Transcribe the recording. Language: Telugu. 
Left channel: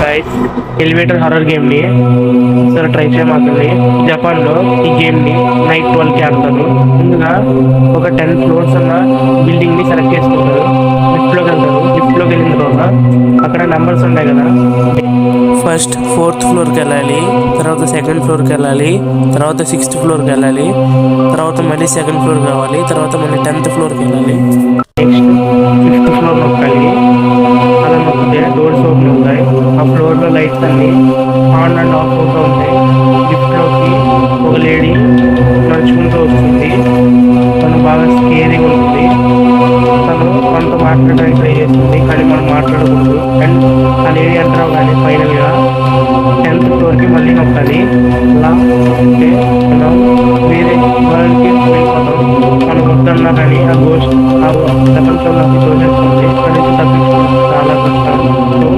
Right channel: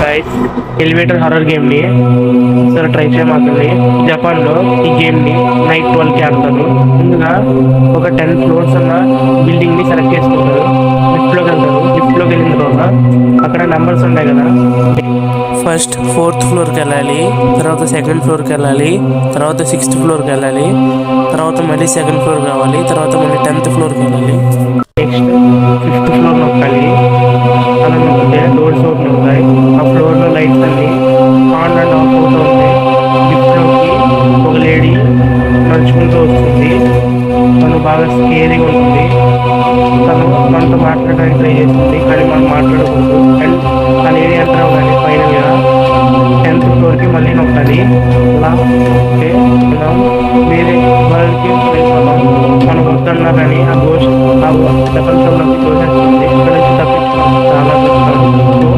గైస్ ఎలివేటర్ హారర్ గేమ్ ని సరే ట్రై చేయమాకండి. జపాన్ లో ఈ గేమ్ ని నైట్ 12 కి ఆడతారు. ముందుగా ఒక 10 ఫ్లోర్స్ ఉన్న బిల్డింగ్ ని సెలెక్ట్ చేసుకుంటారు. లిఫ్ట్ లోకి వెళ్తారు. లిఫ్ట్ లోకి వెళ్ళిన తర్వాత అక్కడ నెంబర్స్ ఉంటాయి కదా, ఫస్ట్ 4th ఫ్లోర్కి వెళ్ళాలి, తర్వాత 2nd ఫ్లోర్కి వెళ్ళాలి, తర్వాత 6th ఫ్లోర్కి వెళ్ళాలి, తర్వాత మళ్ళీ 2nd ఫ్లోర్ కావాలి, తర్వాత మళ్ళీ 10th ఫ్లోర్కి వెళ్ళాలి, నెక్స్ట్ 5th ఫ్లోర్ నొక్కాలి. అలా నొక్కితే డోర్స్ ఓపెన్ అవుతాయి. ఆ ఫ్లోర్లో లైట్స్ అన్ని ఆన్ అండ్ ఆఫ్ అవుతూ ఉంటాయి. లిఫ్ట్లోకి ఒక లేడీ నడుచుకుంటూ వస్తుంది. తను బాగా స్కేరీగా ఉంటుంది. తను మనతో మాట్లాడడానికి ట్రై చేస్తుంది, కానీ మనం మాట్లాడకూడదు. అండ్ ఆ లేడీ ఎంటర్ అవగానే ఫైనల్గా 10th ఫ్లోర్కి మళ్ళీ నొక్కాలి. అలా నొక్కితే మనం వేరే వరల్డ్కి వెళ్ళిపోతాం. మనం వద్దన్నా కానీ ఆ గోస్ట్ ఆ ప్రపంచంలోకి దోషేస్తుంది. ఇక్కడ నుంచి తప్పించుకోవడం చాలా కష్టం. సో